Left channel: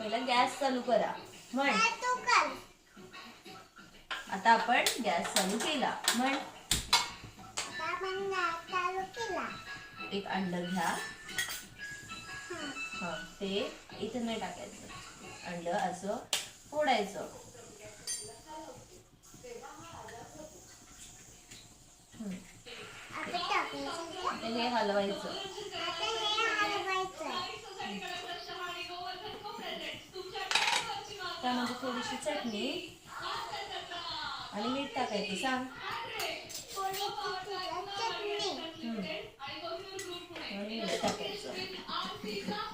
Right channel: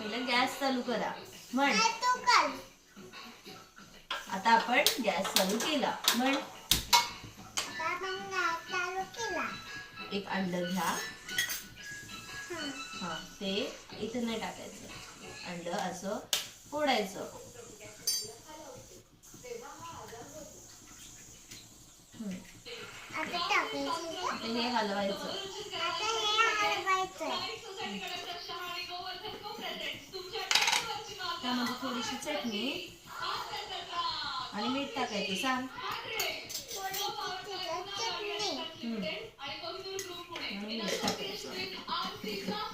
पहिला गॅस चालू करा म्हण. आता आपण गॅस चालू केला म्हण. एक अंड घ्या. हा ते इथं नाही टाकायचं. अंड असं फोडायचं. हे हलवायचं. त्यामध्ये थोडीशी चटणी आणि मीठ टाकायचं. सांग. आणि मीठ टाकायचं.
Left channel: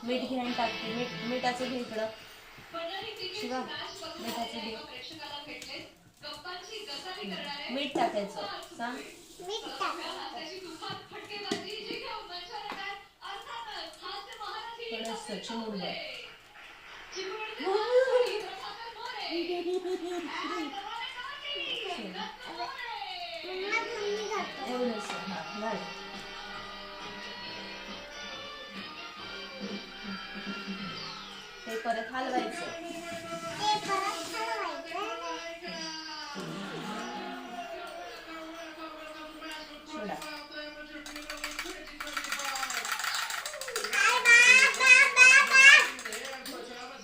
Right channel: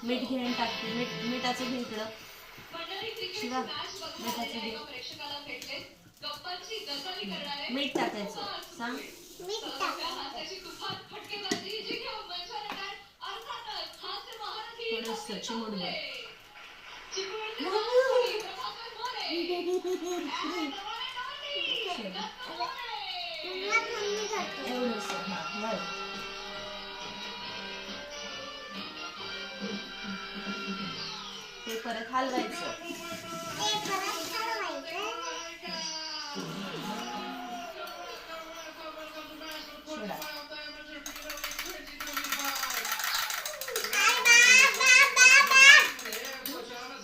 मीठ घे आणि टाकते. मिठाचं घे इकडं. शिवा मिठाचं घे. मीठ टाकायचं. सांग. थोडंसं चिमूटभर. एवढंच. हा घाल. ते परत हलवायचं. सोडा.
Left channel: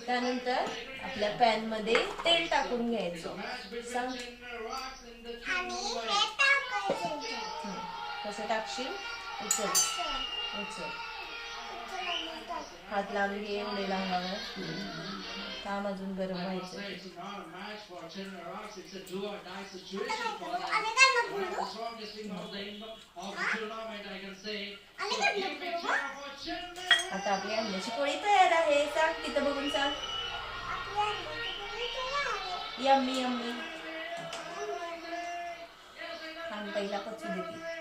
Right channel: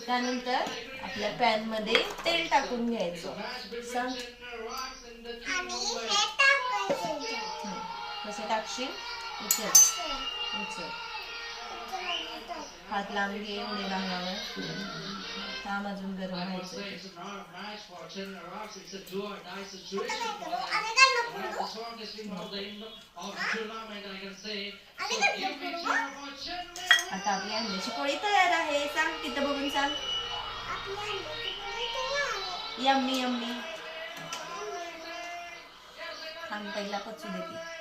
त्यानंतर आपल्या पॅन मध्ये तेल टाकून घ्यायचं. सांग. कसं टाकशील? उचल उचल. हात लावून घे एवढे भांगावर. थांब अजून गरम व्हायचं. आता आपली अंड्याची पोळी तयार आहे. सांग तिथं बघून सांग. Yummy yummy. थांब पहिला पचू देते.